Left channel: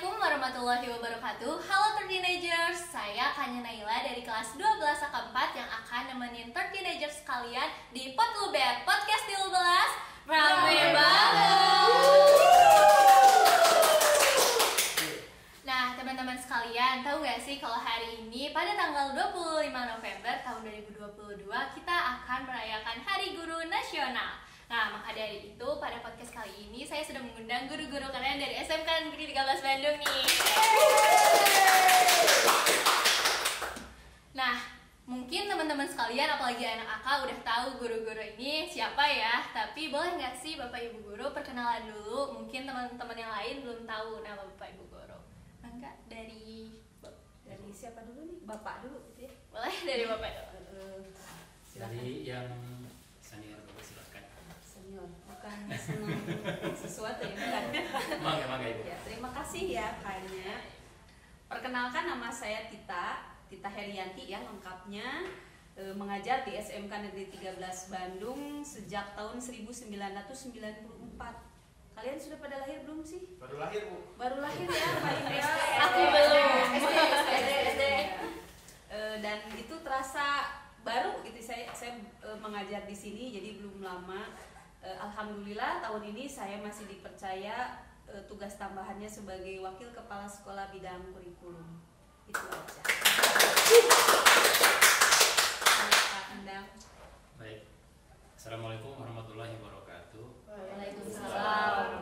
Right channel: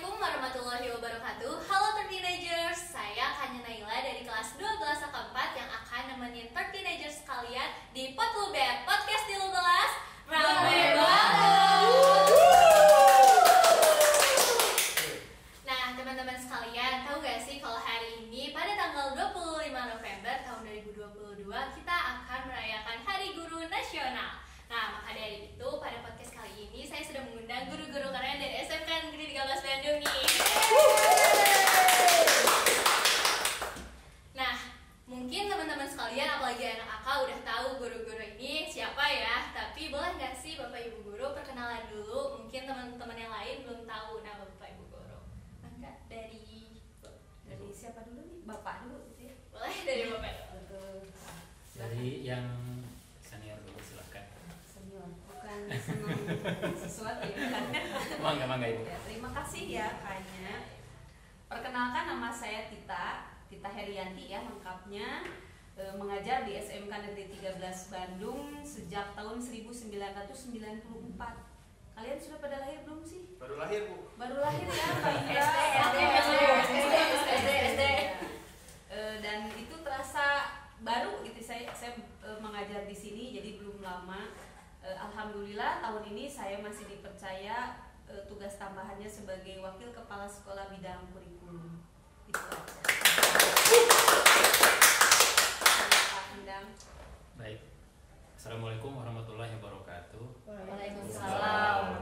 Assalamualaikum warahmatullahi wabarakatuh. Halo Teenagers, saya Kanya Naila dari kelas 12 AK4 yang akan nemenin Teenagers sekalian di Potluber Podcast 13 Rame banget. Nah teman-teman sekalian, tahu gak sih kalau hari ini pada tanggal 25 November tahun 2022 kita akan merayakan Hari Guru Nasional. Nah, maka dari itu pada podcast kali ini saya sudah mengundang guru-guru keren dari SMK Negeri 13 Bandung nih. Nah, mungkin teman-teman sekalian apalagi anak AK udah tahu guru-guru ini siapa ya. Tapi boleh nggak sih Bapak Ibu Guru perkenalan dulu? Mungkin teman-teman yang lain belum tahu nama Bapak Ibu Guru. Maka dari siapa dulu nih? Bapak dulu gitu ya? Boleh dari Bapak dulu. Dari yang senior dulu silahkan. Senior, bukan senang sesuatu ya kan? Mangga Ibu. Ya, terima kasih ya Kanya. Perkenalkan, nama saya Tita Herianti ya lengkapnya. Mengajar di SMK Negeri 13 Bandung sejak tahun 1994. Kalian sudah pada lahir belum sih? Baru lahir, Bu. Baru lahir ya, SD. Dan itu terasa baru gitu saya mengajar di sini, jadi belum lama. Alhamdulillah tahun ini saya masih dipercaya tugas tambahannya sebagai wakil kepala sekolah bidang kurikulum. Itu aja. Baik. Assalamualaikum warahmatullahi wabarakatuh. Waalaikumsalam.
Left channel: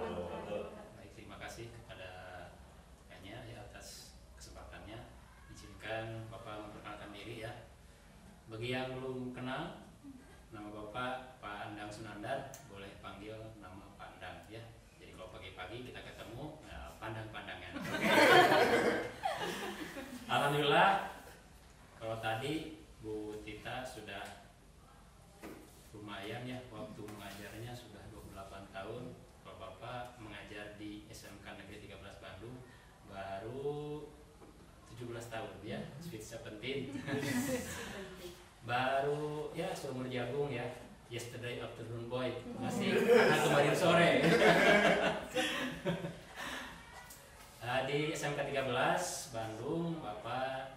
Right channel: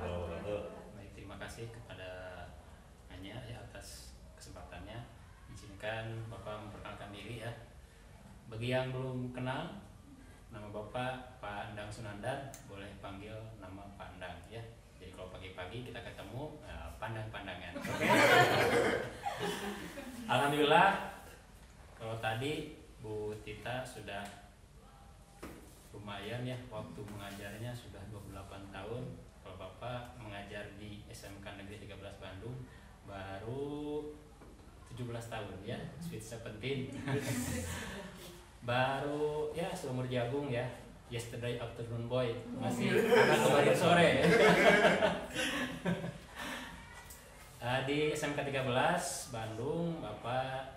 Baik, terima kasih kepada Anya ya atas kesempatannya. Izinkan Bapak memperkenalkan diri ya. Bagi yang belum kenal, nama Bapak Pak Endang Sunandar, boleh panggil nama Pak Endang ya. Jadi kalau pagi-pagi kita ketemu, pandang-pandangan. Okay? Alhamdulillah, kalau tadi Bu Tita sudah lumayan ya, waktu mengajarnya sudah 28 tahun. Kalau Bapak mengajar di SMK Negeri 13 Bandung baru 17 tahun ya, sweet 17. Baru ya seumur jagung ya, yesterday afternoon boy, masih anak kemarin sore. Di SMK 13 Bandung Bapak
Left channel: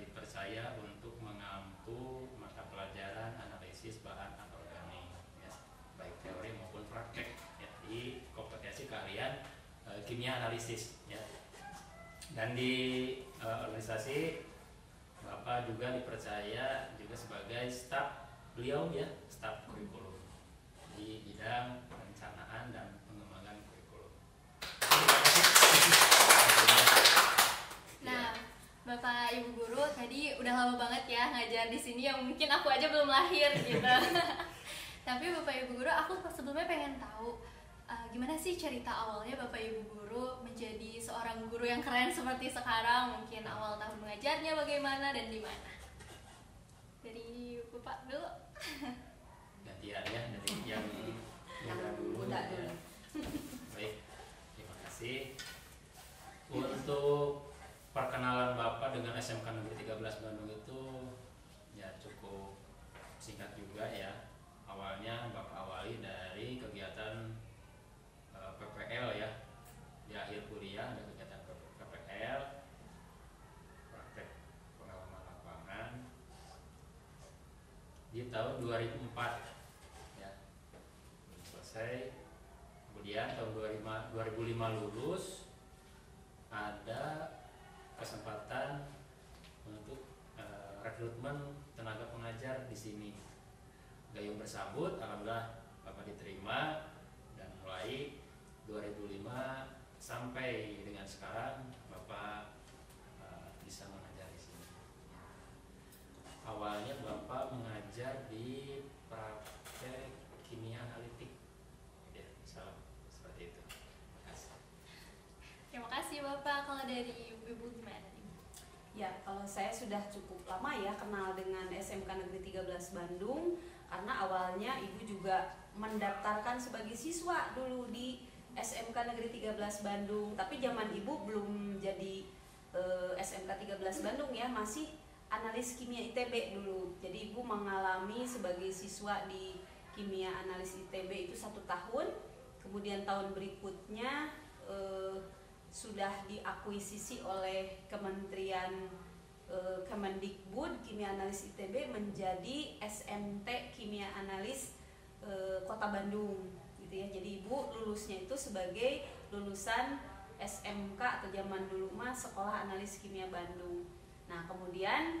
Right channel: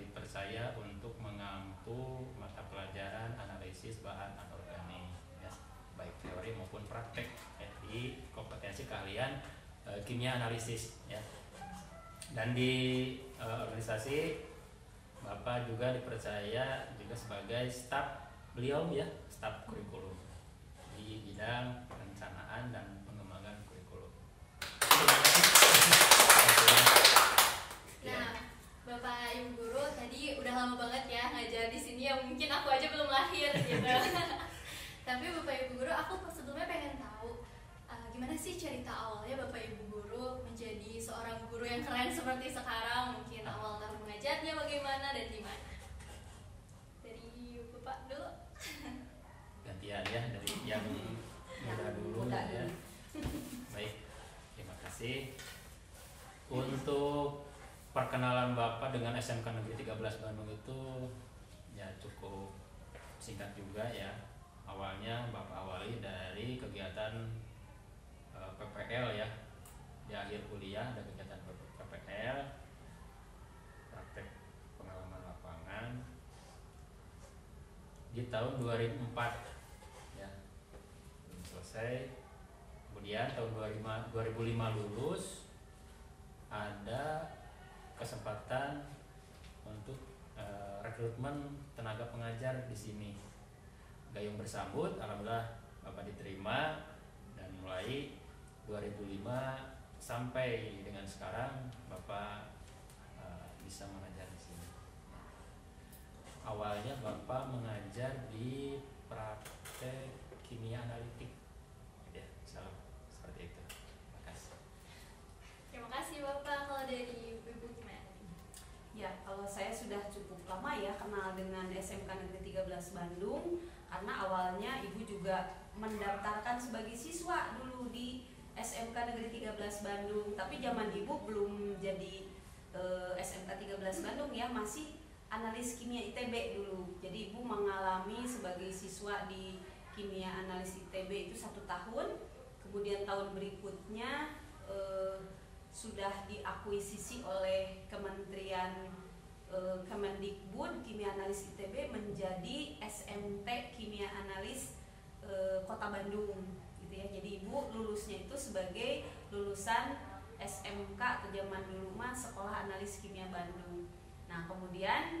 dipercaya untuk mengampu mata pelajaran analisis bahan anorganik ya, baik teori maupun praktek ya, di kompetensi keahlian kimia analisis ya. Dan di organisasi Bapak juga dipercaya juga sebagai staf beliau ya, staf kurikulum di bidang perencanaan dan pengembangan kurikulum. Nah, Bapak Ibu Guru tadi udah lama banget ya ngajar di sini yang mungkin aku aja belum lahir gitu. Tapi Bapak Ibu Guru, aku sebelumnya pengen tahu gimana sih cerita awalnya Bapak Ibu Guru menjadi seorang guru yang keren seperti sekarang? Mungkin awal tahun mengajarnya bagaimana dan di mana? Dari Bapak dulu. Gantian ya dari yang muda dulu. Ya. Baik, terima kasih. Untuk perkenalan Bapak dengan SMK Negeri 13 Bandung itu ya cukup singkat juga ya. Awalnya Bapak awali dari kegiatan PPL ya. Di akhir kuliah ada kegiatan PPL, praktek pengalaman lapangan di tahun 2004 ya, belum selesai. Kemudian tahun 2005 lulus, ada kesempatan untuk rekrutmen tenaga pengajar di sini. Gayung bersambut, alhamdulillah Bapak diterima dan mulai 2005 sampai dengan sekarang Bapak bisa mengajar di sini. Awalnya Bapak mengajar di praktek kimia analitik. Ya, salah seperti itu. Terima kasih. Terima kasih Bapak. Kalau dari Ibu gimana? Ya, kalau saya sudah cukup lama ya kenal dengan SMK Negeri 13 Bandung, karena awalnya Ibu juga mendaftarkan sebagai siswa dulu di SMK Negeri 13 Bandung, tapi zaman Ibu belum jadi SMK 13 Bandung ya, masih analis kimia ITB dulu. Jadi Ibu mengalami sebagai siswa di kimia analis ITB itu 1 tahun, kemudian tahun berikutnya sudah diakuisisi oleh Kementerian Kemendikbud Kimia Analis ITB menjadi SMT Kimia Analis Kota Bandung gitu ya. Jadi ibu lulusnya itu sebagai lulusan SMK atau zaman dulu mah Sekolah Analis Kimia Bandung. Nah kemudian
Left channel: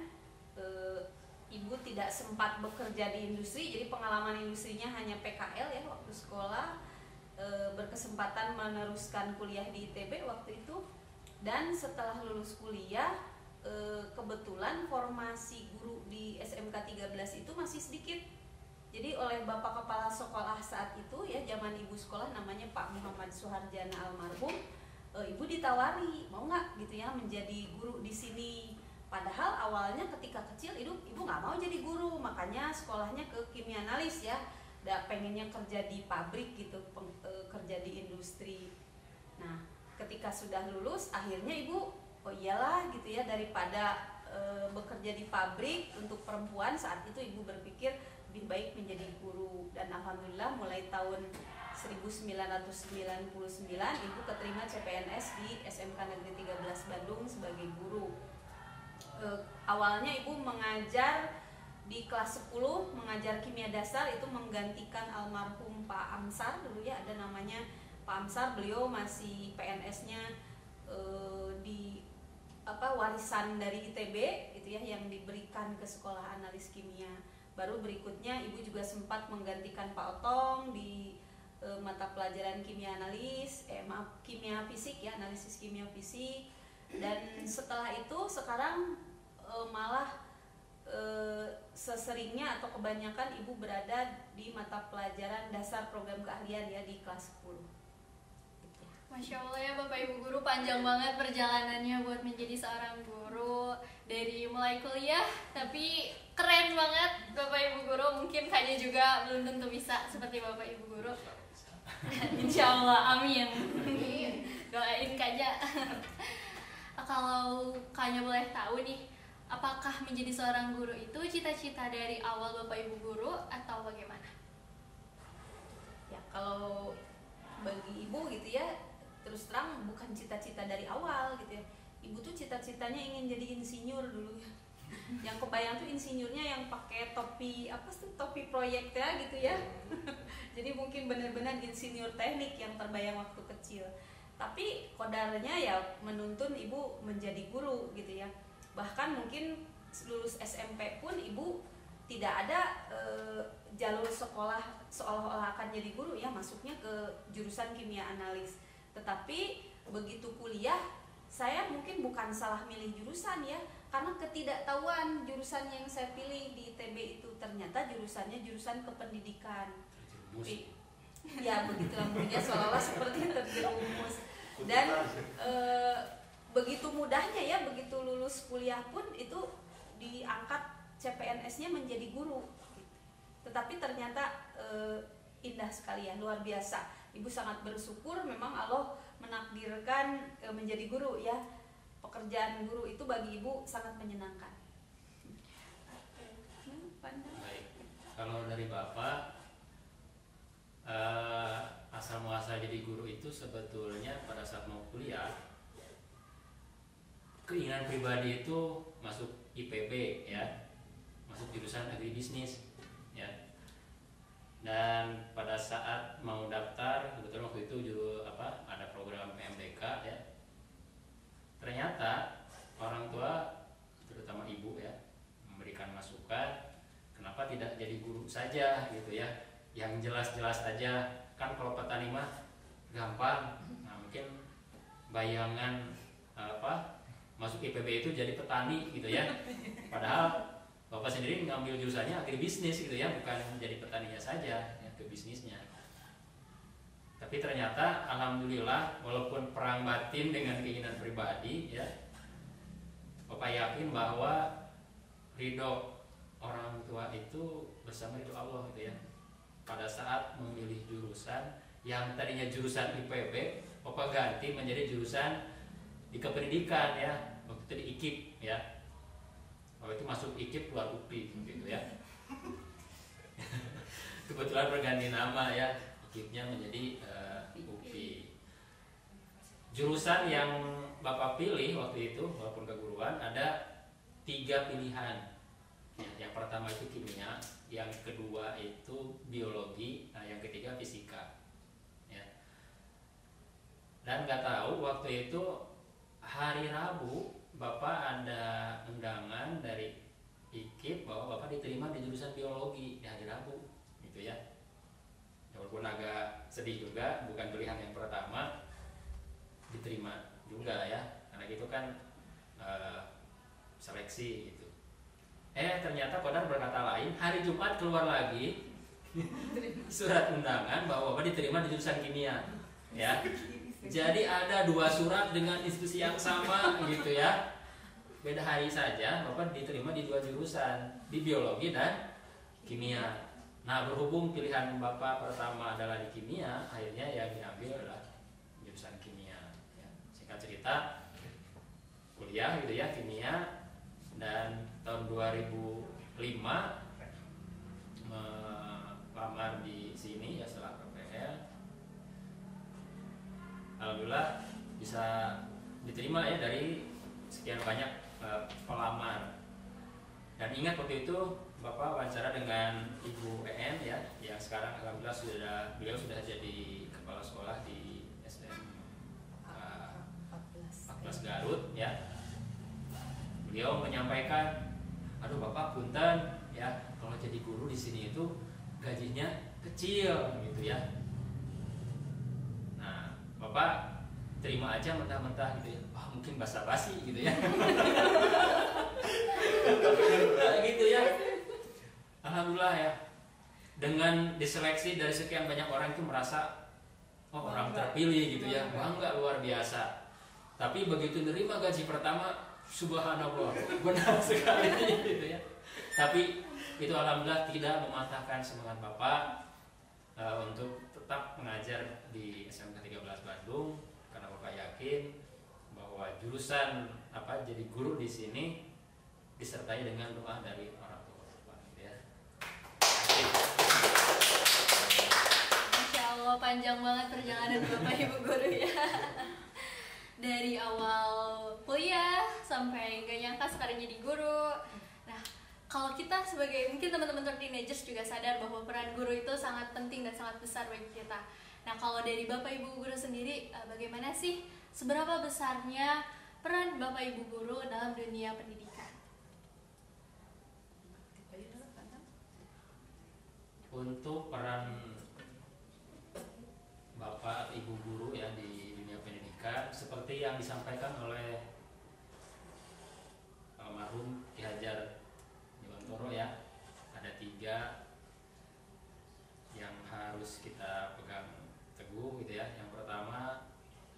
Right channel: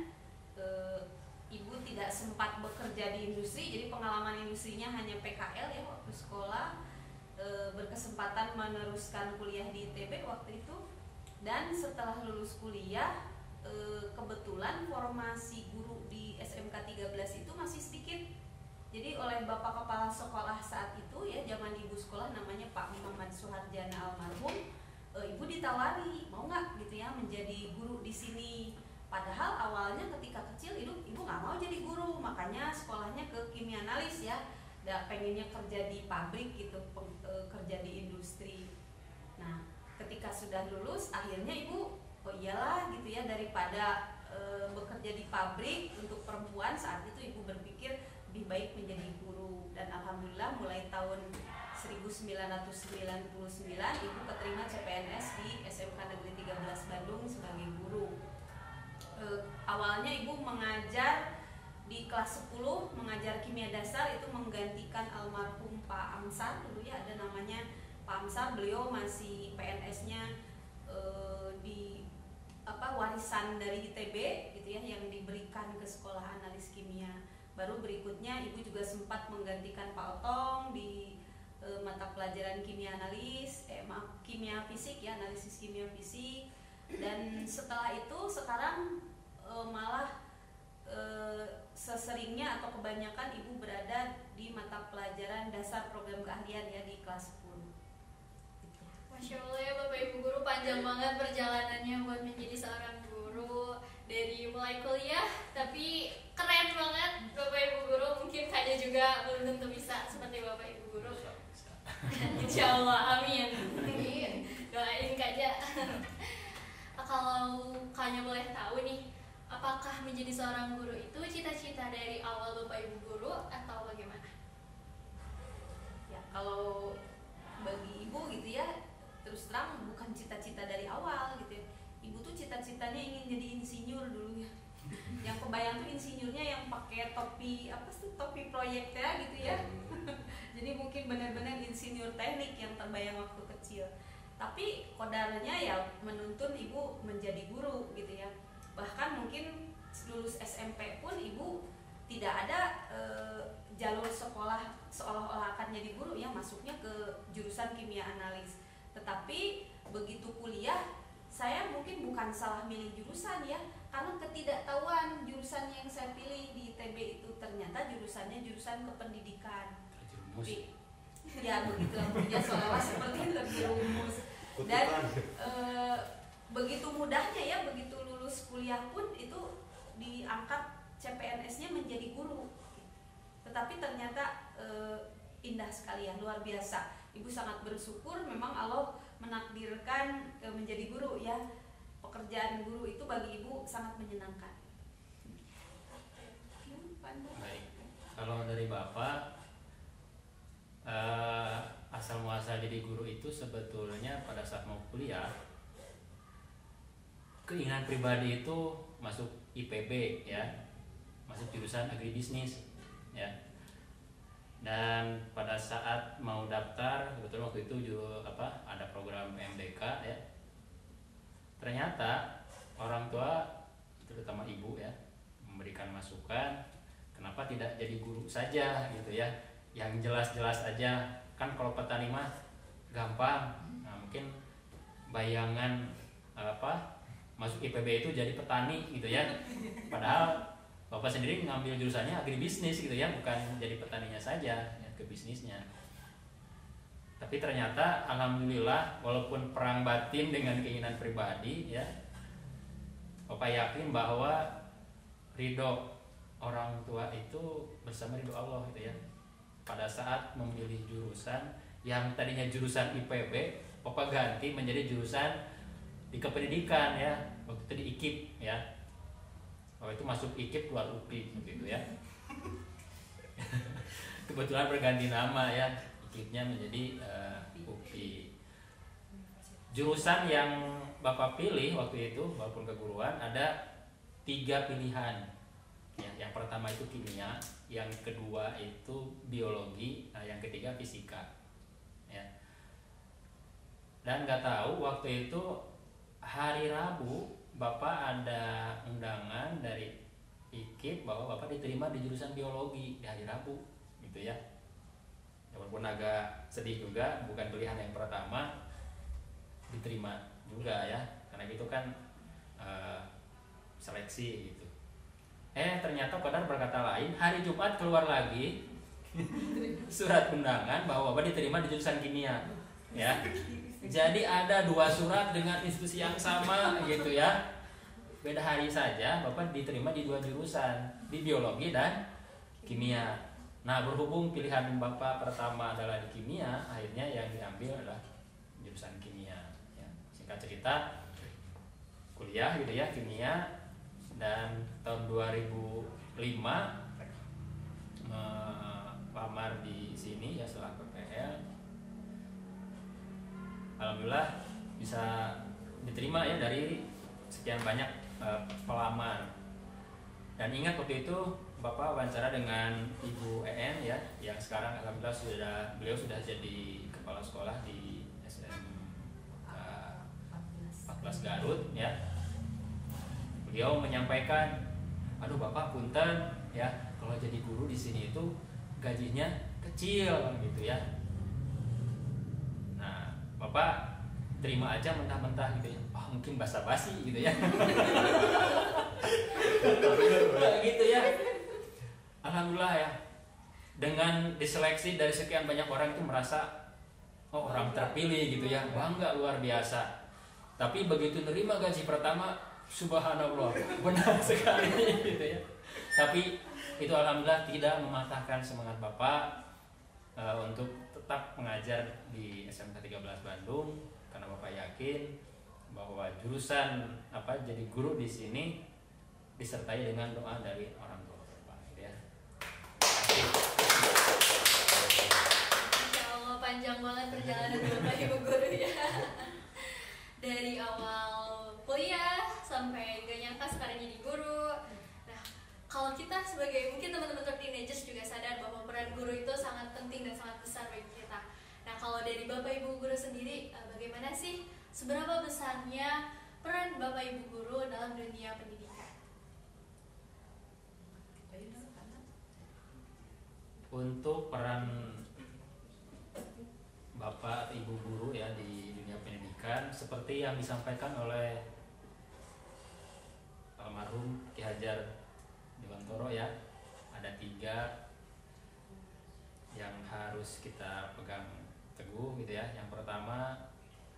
ibu tidak sempat bekerja di industri, jadi pengalaman industrinya hanya PKL ya waktu sekolah. Berkesempatan meneruskan kuliah di ITB waktu itu, dan setelah lulus kuliah kebetulan formasi guru di SMK 13 itu masih sedikit. Jadi oleh Bapak Kepala Sekolah saat itu ya, zaman ibu sekolah namanya Pak Muhammad Suharjana almarhum, ibu ditawari mau nggak gitu ya menjadi guru di sini. Padahal awalnya ketika kecil ibu nggak mau jadi guru, makanya sekolahnya ke kimia analis ya. Pengennya kerja di pabrik gitu, kerja di industri. Nah ketika sudah lulus akhirnya ibu oh iyalah gitu ya, daripada bekerja di pabrik untuk perempuan, saat itu ibu berpikir lebih baik menjadi guru. Dan alhamdulillah mulai tahun 1999 ibu keterima CPNS di SMK Negeri 13 Bandung sebagai guru. Awalnya ibu mengajar di kelas 10, mengajar kimia dasar, itu menggantikan almarhum Pak Amsar dulu ya, ada namanya Pak Amsar. Beliau masih PNS-nya di warisan dari ITB gitu ya, yang diberikan ke Sekolah Analis Kimia. Baru berikutnya ibu juga sempat menggantikan Pak Otong di mata pelajaran kimia analis, kimia fisik ya, analisis kimia fisik. Dan setelah itu sekarang malah seseringnya atau kebanyakan ibu berada di mata pelajaran dasar program keahlian ya di kelas 10. Masya Allah ya Bapak Ibu Guru, panjang banget perjalanannya buat menjadi seorang guru. Dari mulai kuliah, tapi keren banget Bapak Ibu Guru. Mungkin Kanya juga belum tentu bisa seperti Bapak Ibu Guru. Insya Allah, amin. Doain Kanya. Kalau Kanya boleh tahu nih, apakah menjadi seorang guru itu cita-cita dari awal Bapak Ibu Guru atau bagaimana? Ya kalau bagi ibu gitu ya, terus terang bukan cita-cita dari awal gitu ya. Ibu tuh cita-citanya ingin jadi insinyur dulu ya. Yang kebayang tuh insinyurnya yang pakai topi topi proyek ya gitu ya. Jadi mungkin benar-benar insinyur teknik yang terbayang waktu kecil. Tapi kodarnya ya menuntun ibu menjadi guru gitu ya. Bahkan mungkin lulus SMP pun ibu tidak ada jalur sekolah seolah-olah akan jadi guru ya, masuknya ke jurusan kimia analis. Tetapi begitu kuliah saya mungkin bukan salah milih jurusan ya, karena ketidaktahuan jurusan yang saya pilih di ITB itu ternyata jurusannya jurusan kependidikan. Ya begitu ya, seolah-olah seperti terjerumus. Dan begitu mudahnya ya, begitu lulus kuliah pun itu diangkat CPNS-nya menjadi guru. Tetapi ternyata indah sekali ya, luar biasa. Ibu sangat bersyukur memang Allah menakdirkan menjadi guru ya. Pekerjaan guru itu bagi ibu sangat menyenangkan. Baik, kalau dari Bapak asal muasal jadi guru itu sebetulnya pada saat mau kuliah, keinginan pribadi itu masuk IPB ya, masuk jurusan agribisnis ya. Dan pada saat mau daftar, kebetulan waktu itu juga ada program PMDK ya. Ternyata orang tua, terutama ibu ya, memberikan masukan, kenapa tidak jadi guru saja gitu ya, yang jelas-jelas aja. Kan kalau petani mah gampang. Nah, mungkin bayangan masuk IPB itu jadi petani gitu ya. Padahal Bapak sendiri mengambil jurusannya agribisnis gitu ya, bukan jadi petaninya saja, ya, ke bisnisnya. Tapi ternyata alhamdulillah walaupun perang batin dengan keinginan pribadi ya, Bapak yakin bahwa ridho orang tua itu bersama ridho Allah gitu ya. Pada saat memilih jurusan yang tadinya jurusan IPB, Bapak ganti menjadi jurusan di kependidikan ya, waktu itu di IKIP ya. Kalau itu masuk IKIP keluar UPI gitu ya. Kebetulan berganti nama ya, IKIP-nya menjadi UPI. jurusan yang Bapak pilih waktu itu walaupun keguruan ada 3 pilihan. Ya, yang pertama itu kimia, yang kedua itu biologi, nah yang ketiga fisika. Ya. Dan nggak tahu waktu itu hari Rabu Bapak ada undangan dari IKIP bahwa Bapak diterima di jurusan biologi di hari Rabu, gitu ya. Walaupun agak sedih juga, bukan pilihan yang pertama, diterima juga ya, karena gitu kan seleksi gitu. Ternyata Kodar berkata lain, hari Jumat keluar lagi surat undangan bahwa Bapak diterima di jurusan kimia, ya. Jadi ada 2 surat dengan institusi yang sama gitu ya. Beda hari saja, Bapak diterima di 2 jurusan, di biologi dan kimia. Nah, berhubung pilihan Bapak pertama adalah di kimia, akhirnya yang diambil adalah jurusan kimia. Ya, singkat cerita, kuliah gitu ya, kimia, dan tahun 2005 lamar di sini ya setelah PPL. Alhamdulillah bisa diterima ya dari sekian banyak pelamar. Dan ingat waktu itu Bapak wawancara dengan Ibu EN ya, yang sekarang alhamdulillah beliau sudah jadi kepala sekolah di SM 14 Garut ya. Beliau menyampaikan, aduh Bapak punten ya, kalau jadi guru di sini itu gajinya kecil gitu ya. Nah, Bapak terima aja mentah-mentah gitu ya. Oh, mungkin basa-basi gitu ya. Gitu ya. Alhamdulillah ya. Dengan diseleksi dari sekian banyak orang itu merasa oh, orang terpilih gitu ya. Bangga luar biasa. Tapi begitu nerima gaji pertama, subhanallah, benar sekali gitu ya. Tapi itu alhamdulillah tidak mematahkan semangat Bapak untuk tetap mengajar di SMK 13 Bandung, karena Bapak yakin bahwa jurusan jadi guru di sini disertai dengan doa dari orang tua Bapak gitu ya. Masya Allah, panjang banget perjalanan Bapak Ibu guru ya. Dari awal kuliah sampai gak nyangka sekarang jadi guru. Nah, kalau kita sebagai mungkin teman-teman teenagers juga sadar bahwa peran guru itu sangat penting dan sangat besar bagi kita. Nah, kalau dari Bapak Ibu guru sendiri, bagaimana sih seberapa besarnya peran Bapak Ibu guru dalam dunia pendidikan? Untuk peran Bapak Ibu guru ya di dunia pendidikan seperti yang disampaikan oleh almarhum Ki Hajar Dewantoro ya, ada 3 yang harus kita pegang teguh gitu ya. Yang pertama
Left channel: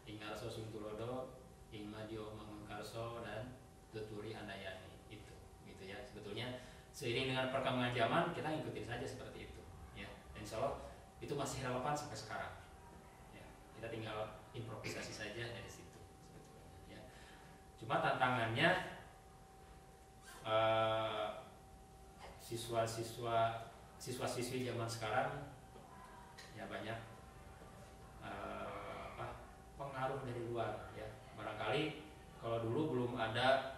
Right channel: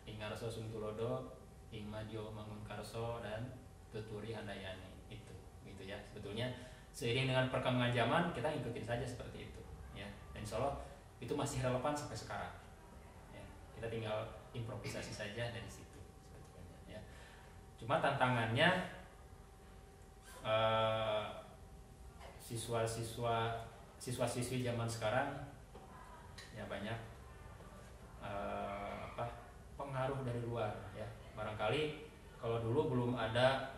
Ingarso Sungtulodo, Ingmadio Mangunkarso, dan Tuturi Handayani, itu gitu ya. Sebetulnya seiring dengan perkembangan zaman kita ngikutin saja seperti itu ya, dan insya Allah itu masih relevan sampai sekarang ya. Kita tinggal improvisasi saja dari situ sebetulnya ya. Cuma tantangannya siswa-siswi zaman sekarang ya banyak pengaruh dari luar ya. Barangkali kalau dulu belum ada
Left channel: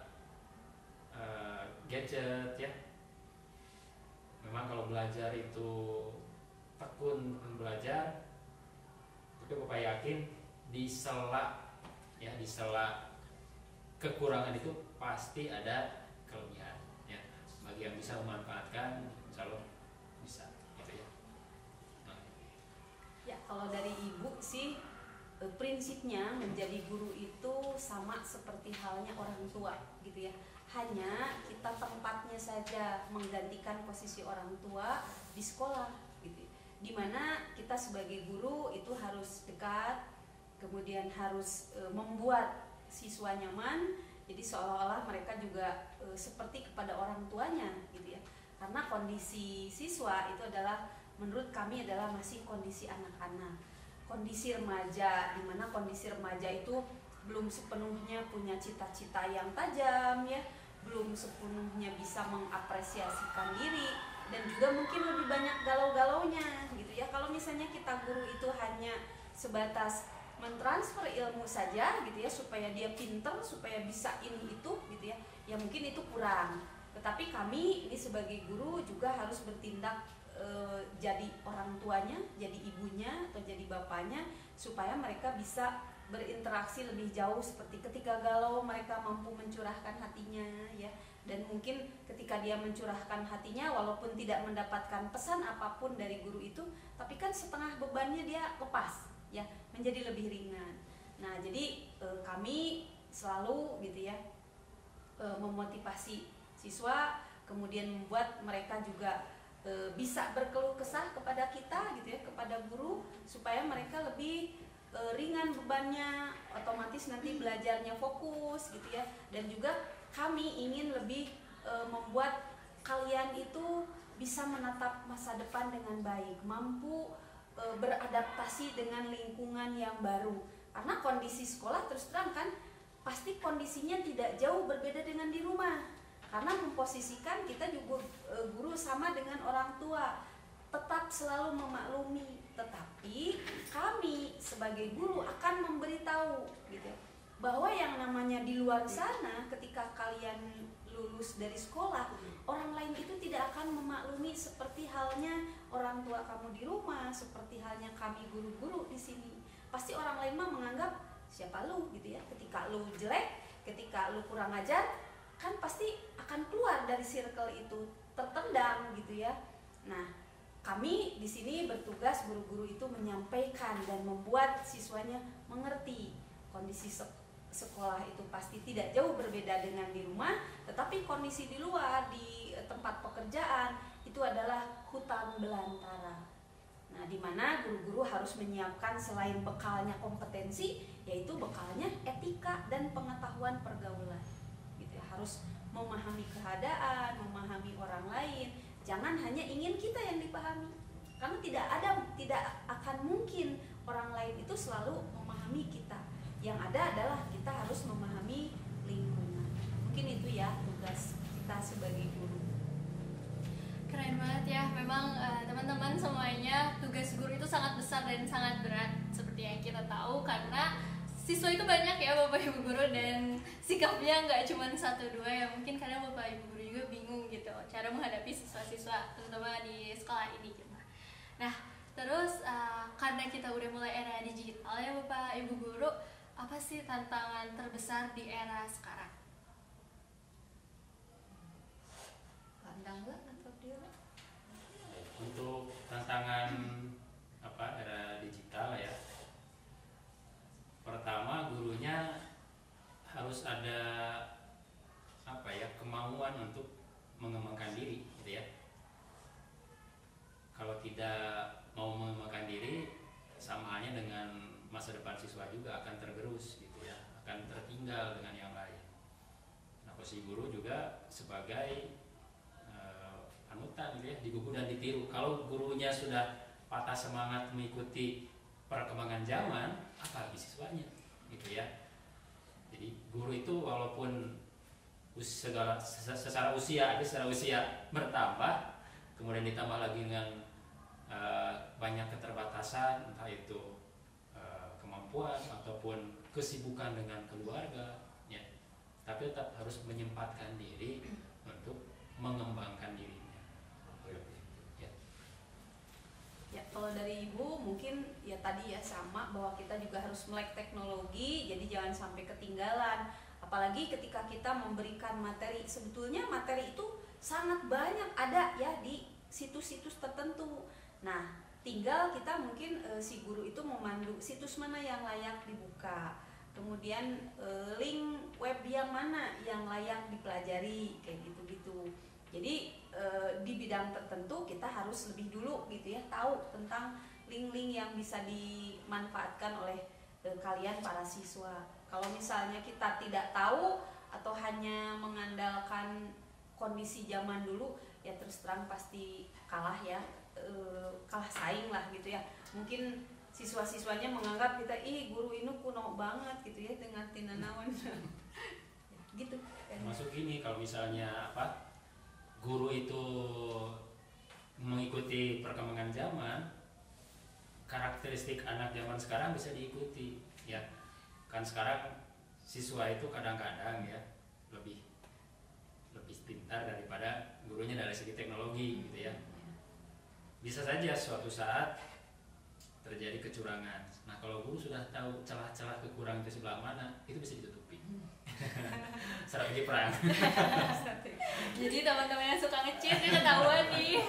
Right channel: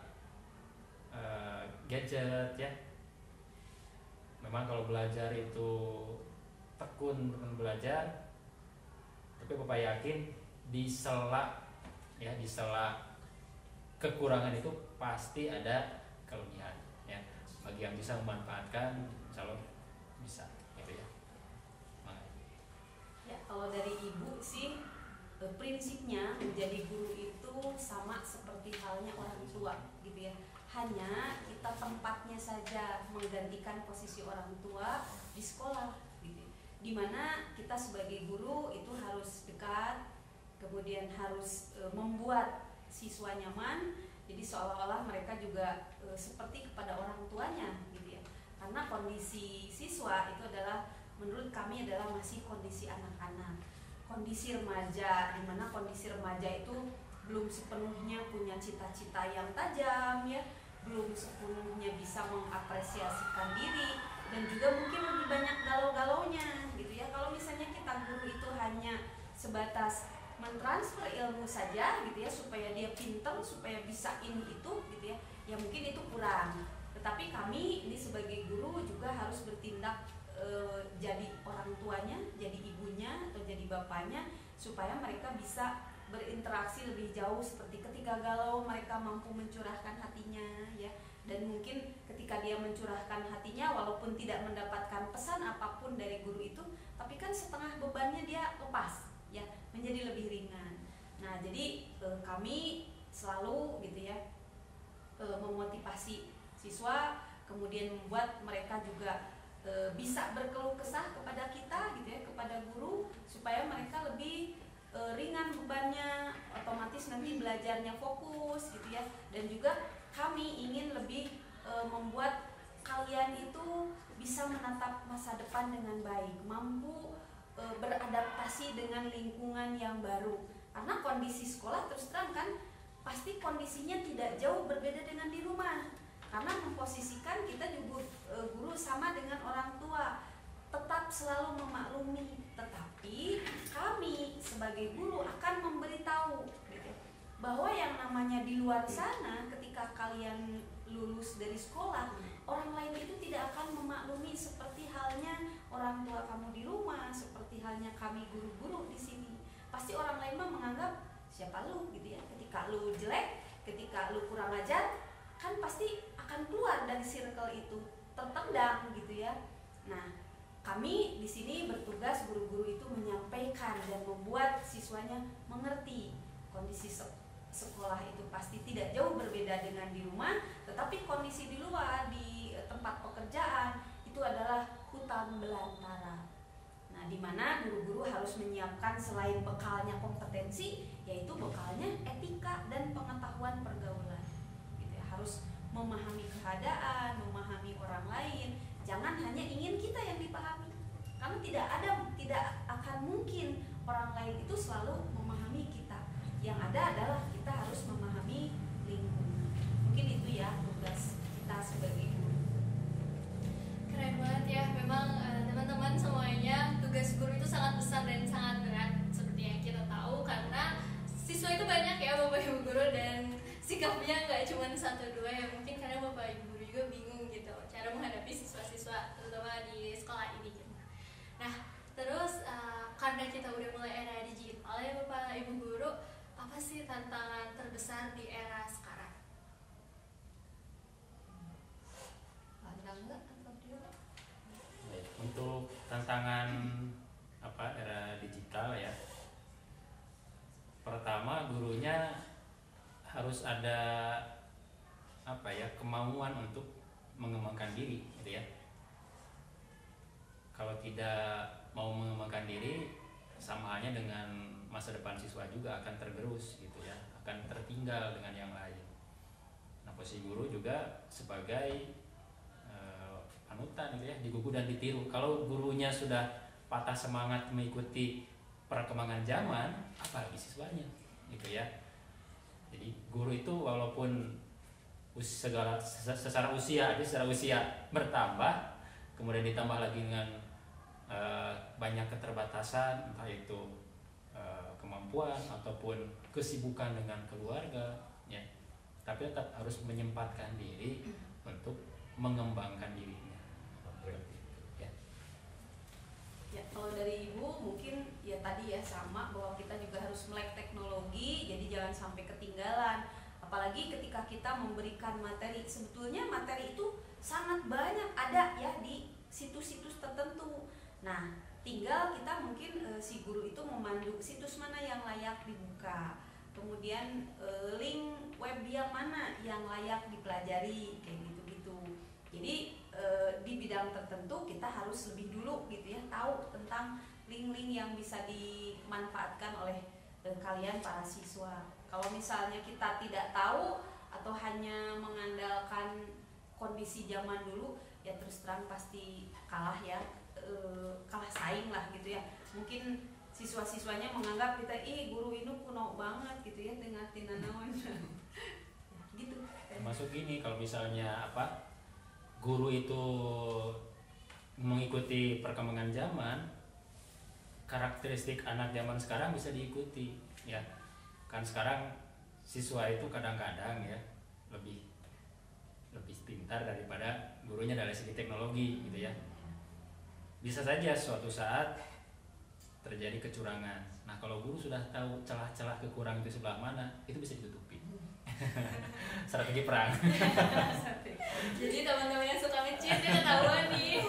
gadget ya, memang kalau belajar itu tekun belajar, tapi Bapak yakin di sela kekurangan itu pasti ada kelebihan ya. Bagi yang bisa memanfaatkan, insya Allah bisa gitu ya. Nah. Ya, kalau dari Ibu sih prinsipnya menjadi guru itu sama seperti halnya orang tua gitu ya. Hanya kita tempatnya saja menggantikan posisi orang tua di sekolah gitu. Dimana kita sebagai guru itu harus dekat, kemudian harus membuat siswa nyaman. Jadi seolah-olah mereka juga seperti kepada orang tuanya gitu ya. Karena kondisi siswa itu adalah menurut kami adalah masih kondisi anak-anak, kondisi remaja, dimana kondisi remaja itu belum sepenuhnya punya cita-cita yang tajam ya, belum sepenuhnya bisa mengapresiasikan diri, dan juga mungkin lebih banyak galau-galaunya gitu ya. Kalau misalnya kita guru itu hanya sebatas mentransfer ilmu saja gitu ya, supaya dia pinter, supaya bisa ini itu gitu ya, ya mungkin itu kurang. Tetapi kami ini sebagai guru juga harus bertindak jadi orang tuanya, jadi ibunya atau jadi bapaknya, supaya mereka bisa berinteraksi lebih jauh, seperti ketika galau mereka mampu mencurahkan hatinya ya. Dan mungkin ketika dia mencurahkan hatinya, walaupun tidak mendapatkan pesan apapun dari guru itu, tapi kan setengah bebannya dia lepas ya, menjadi lebih ringan. Nah, jadi kami selalu gitu ya memotivasi siswa, kemudian membuat mereka juga bisa berkeluh kesah kepada kita gitu ya, kepada guru, supaya mereka lebih ringan bebannya, otomatis nanti belajarnya fokus gitu ya. Dan juga kami ingin lebih membuat kalian itu bisa menatap masa depan dengan baik, mampu beradaptasi dengan lingkungan yang baru. Karena kondisi sekolah terus terang kan pasti kondisinya tidak jauh berbeda dengan di rumah. Karena memposisikan kita juga guru sama dengan orang tua, tetap selalu memaklumi, tetapi kami sebagai guru akan memberitahu gitu, bahwa yang namanya di luar sana ketika kalian lulus dari sekolah, orang lain itu tidak akan memaklumi seperti halnya orang tua kamu di rumah, seperti halnya kami guru-guru di sini. Pasti orang lain mah menganggap siapa lu gitu ya. Ketika lu jelek, ketika lu kurang ajar, kan pasti akan keluar dari circle itu, tertendang gitu ya. Nah, kami di sini bertugas, guru-guru itu menyampaikan dan membuat siswanya mengerti kondisi sekolah itu pasti tidak jauh berbeda dengan di rumah, tetapi kondisi di luar, di tempat pekerjaan itu adalah hutan belantara. Nah, di mana guru-guru harus menyiapkan selain bekalnya kompetensi, yaitu bekalnya etika dan pengetahuan pergaulan. Gitu ya, harus memahami keadaan, memahami orang lain. Jangan hanya ingin kita yang dipahami, karena tidak akan mungkin orang lain itu selalu memahami kita. Yang ada adalah kita harus memahami lingkungan. Mungkin itu ya tugas kita sebagai guru. Keren banget ya, memang teman-teman semuanya, tugas guru itu sangat besar dan sangat berat seperti yang kita tahu, karena siswa itu banyak ya Bapak Ibu guru, dan sikapnya nggak cuma 1-2 ya, mungkin kadang Bapak Ibu guru juga bingung gitu cara menghadapi siswa-siswa terutama di sekolah ini gitu. Nah, terus karena kita udah mulai era digital ya Bapak Ibu guru, apa sih tantangan terbesar di era sekarang? Untuk tantangan era digital ya, pertama gurunya harus ada kemauan untuk mengembangkan diri gitu ya. Kalau tidak mau mengembangkan diri, sama halnya dengan masa depan siswa juga akan tergerus gitu ya, akan tertinggal dengan yang lain. Nah, posisi guru juga sebagai panutan gitu ya, digugu dan ditiru. Kalau gurunya sudah patah semangat mengikuti perkembangan zaman, apalagi siswanya gitu ya. Jadi guru itu walaupun secara usia bertambah, kemudian ditambah lagi dengan banyak keterbatasan, entah itu kemampuan ataupun kesibukan dengan keluarga ya, tapi tetap harus menyempatkan diri untuk mengembangkan dirinya ya. Ya, kalau dari Ibu mungkin ya tadi ya sama, bahwa kita juga harus melek teknologi, jadi jangan sampai ketinggalan. Apalagi ketika kita memberikan materi, sebetulnya materi itu sangat banyak ada ya di situs-situs tertentu. Nah, tinggal kita mungkin si guru itu memandu situs mana yang layak dibuka, kemudian link web yang mana yang layak dipelajari, kayak gitu-gitu. Jadi di bidang tertentu kita harus lebih dulu gitu ya, tahu tentang link-link yang bisa dimanfaatkan oleh kalian para siswa. Kalau misalnya kita tidak tahu atau hanya mengandalkan kondisi zaman dulu, ya terus terang pasti kalah ya, kalah saing lah gitu ya. Mungkin siswa-siswanya menganggap kita, guru ini kuno banget gitu ya, dengan tinanawan gitu. Masuk ini kalau misalnya guru itu mengikuti perkembangan zaman, karakteristik anak zaman sekarang bisa diikuti. ya. Kan sekarang siswa itu kadang-kadang ya lebih lebih pintar daripada gurunya dari segi teknologi gitu ya. Bisa saja suatu saat terjadi kecurangan. Nah, kalau guru sudah tahu celah-celah kekurangan itu sebelah mana, itu bisa ditutupi. Strategi perang. Jadi teman-teman yang suka nge-cheat itu ketahuan nih.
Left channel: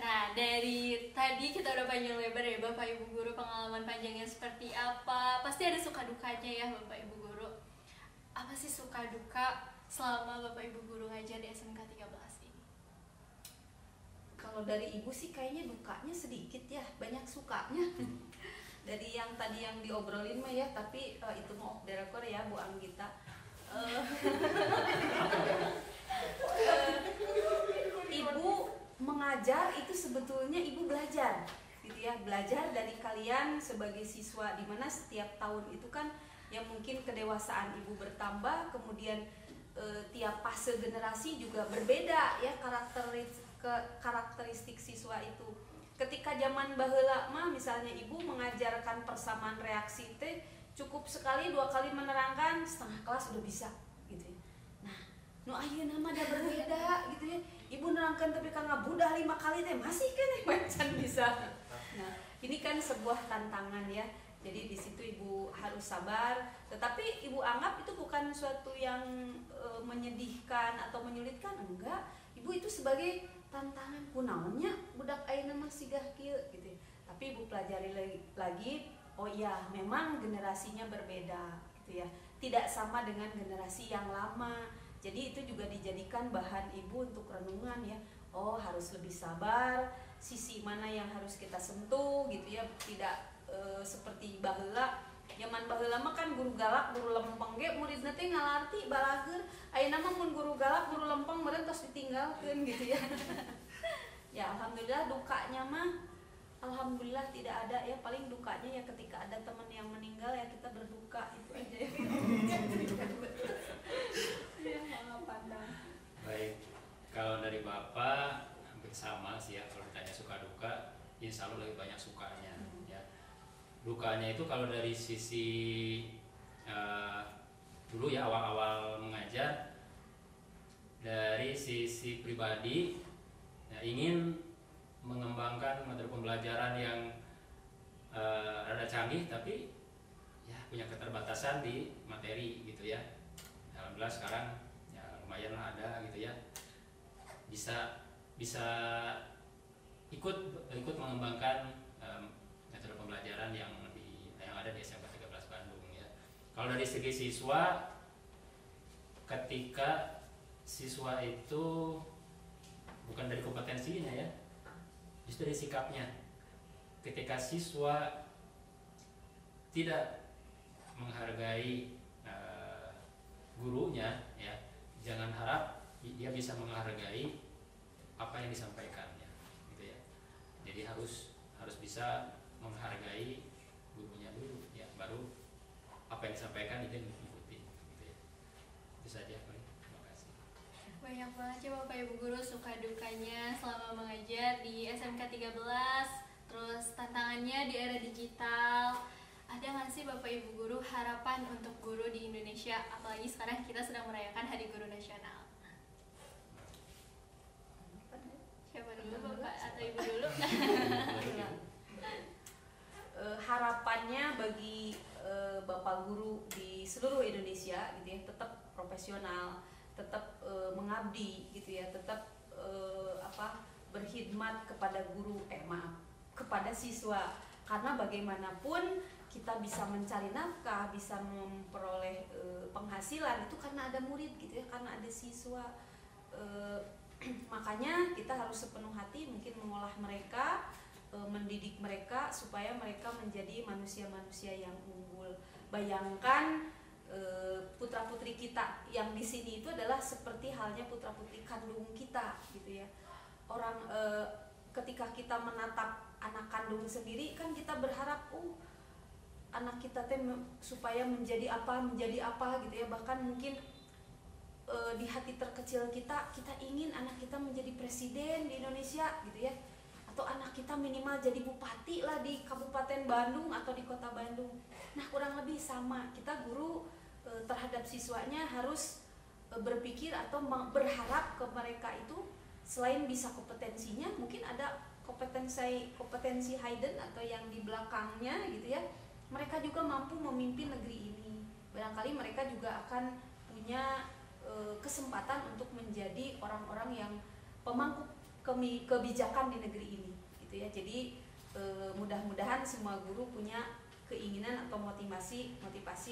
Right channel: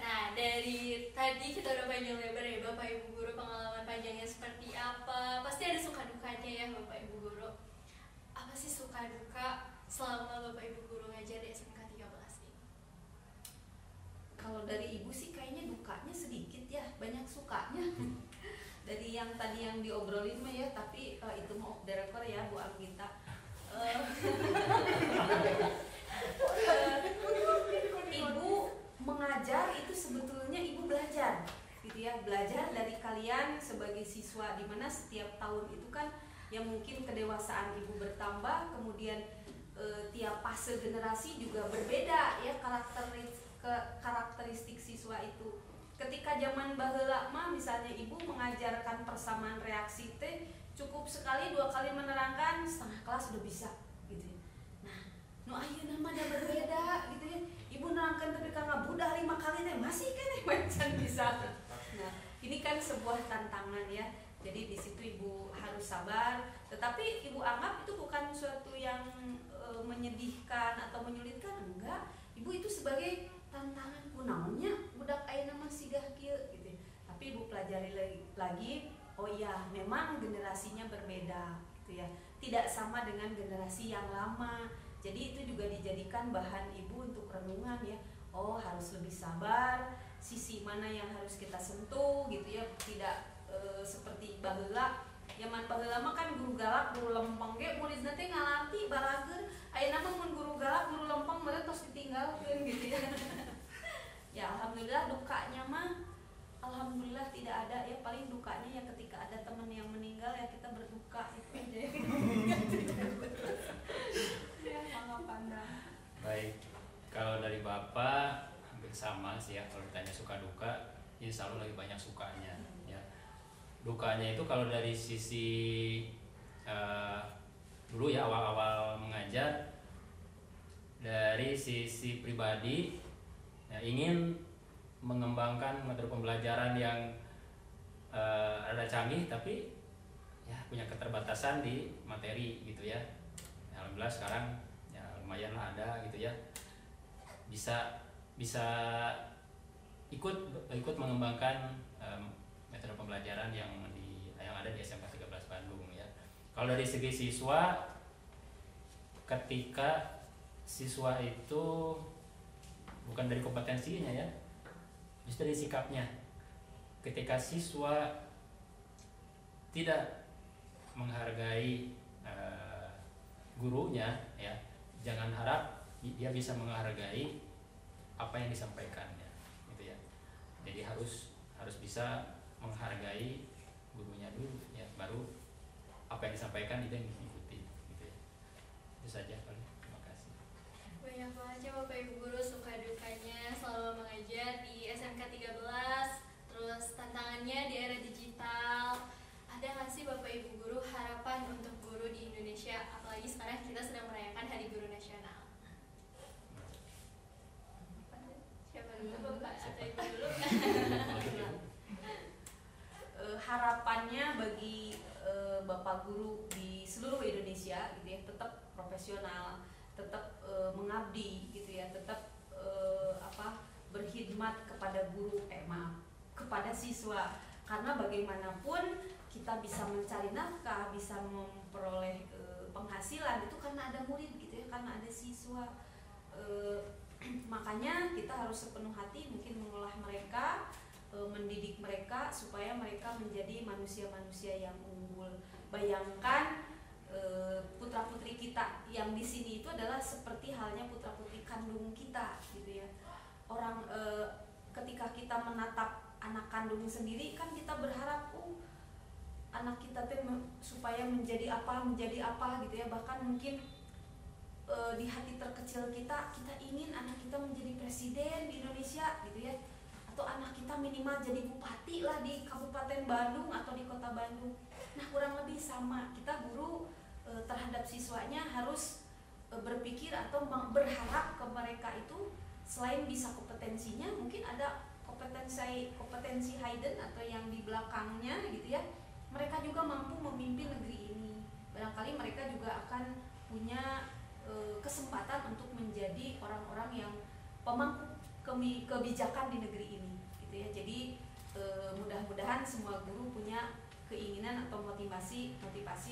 Nah, dari tadi kita udah panjang lebar ya Bapak Ibu Guru, pengalaman panjangnya seperti apa. Pasti ada suka dukanya ya Bapak Ibu Guru. Apa sih suka duka selama Bapak Ibu Guru ngajar di SMK 13 ini? Kalau dari ibu sih kayaknya dukanya sedikit ya, banyak sukanya. Dari yang tadi yang diobrolin mah ya, tapi itu mau off the record ya Bu Anggita. Ibu mengajar itu sebetulnya ibu belajar gitu ya, belajar dari kalian sebagai siswa, dimana setiap tahun itu kan yang mungkin kedewasaan ibu bertambah, kemudian tiap fase generasi juga berbeda ya karakteristik siswa itu. Ketika zaman baheula mah misalnya ibu mengajarkan persamaan reaksi teh cukup sekali 2 kali menerangkan setengah kelas udah bisa gitu ya. Nah, nu ayeuna mah ada berbeda gitu ya. Ibu nerangkan tapi kan ngabudah 5 kali teh masih kan macam bisa. Nah, ini kan sebuah tantangan ya. Jadi di situ ibu harus sabar, tetapi ibu anggap itu bukan suatu yang menyedihkan atau menyulitkan, enggak. Ibu itu sebagai tantangan kunaonnya budak ayeuna mah sigah kieu gitu. Tapi ibu pelajari lagi, oh iya memang generasinya berbeda gitu ya. Tidak sama dengan generasi yang lama. Jadi itu juga dijadikan bahan ibu untuk renungan ya. Oh, harus lebih sabar, sisi mana yang harus kita sentuh gitu ya. Tidak seperti baheula. Zaman baheula mah kan guru galak, guru lempeng ge muridna teh ngalarti balageun. Ayeuna mah mun guru galak, guru lempeng meureun tos ditinggalkeun gitu ya. Ya alhamdulillah dukanya mah alhamdulillah tidak ada ya, paling dukanya ya ketika ada teman yang meninggal ya kita berduka itu aja ya. Ya mangga pandang. Baik, kalau dari Bapak hampir sama sih ya, kalau ditanya suka duka, ini selalu lebih banyak sukanya ya. Dukanya itu kalau dari sisi dulu ya awal-awal mengajar, dari sisi pribadi ya, ingin mengembangkan metode pembelajaran yang rada canggih tapi ya punya keterbatasan di materi gitu ya. Alhamdulillah sekarang ya lumayan lah ada gitu ya, bisa ikut mengembangkan metode pembelajaran yang ada di SMK 13 Bandung ya. Kalau dari segi siswa, ketika siswa itu bukan dari kompetensinya ya, justru dari sikapnya. Ketika siswa tidak menghargai gurunya ya, jangan harap dia bisa menghargai apa yang disampaikannya gitu ya. Jadi harus bisa menghargai gurunya dulu ya, baru apa yang disampaikan itu yang diikuti gitu ya. Itu saja paling. Terima kasih. Banyak banget ya Bapak Ibu Guru suka dukanya selama mengajar di SMK 13, terus tantangannya di era digital. Ada nggak sih Bapak Ibu Guru harapan untuk guru di Indonesia, apalagi sekarang kita sedang merayakan Hari Guru Nasional? Siapa dulu, Bapak atau Ibu dulu? Harapannya bagi Bapak Guru di seluruh Indonesia gitu ya, tetap profesional, tetap mengabdi gitu ya, tetap berkhidmat kepada kepada siswa, karena bagaimanapun kita bisa mencari nafkah, bisa memperoleh penghasilan itu karena ada murid gitu ya, karena ada siswa. Makanya kita harus sepenuh hati mungkin mengolah mereka, mendidik mereka supaya mereka menjadi manusia-manusia yang unggul. Bayangkan putra-putri kita yang di sini itu adalah seperti halnya putra-putri kandung kita gitu ya. Orang ketika kita menatap anak kandung sendiri kan kita berharap anak kita supaya menjadi apa gitu ya. Bahkan mungkin di hati terkecil kita ingin anak kita menjadi presiden di Indonesia gitu ya, atau foto anak kita minimal jadi bupati lah di Kabupaten Bandung atau di Kota Bandung. Nah, kurang lebih sama, kita guru terhadap siswanya harus berpikir atau berharap ke mereka itu selain bisa kompetensinya, mungkin ada kompetensi hidden atau yang di belakangnya gitu ya. Mereka juga mampu memimpin negeri ini. Barangkali mereka juga akan punya kesempatan untuk menjadi orang-orang yang pemangku kebijakan di negeri ini gitu ya. Jadi mudah-mudahan semua guru punya keinginan atau motivasi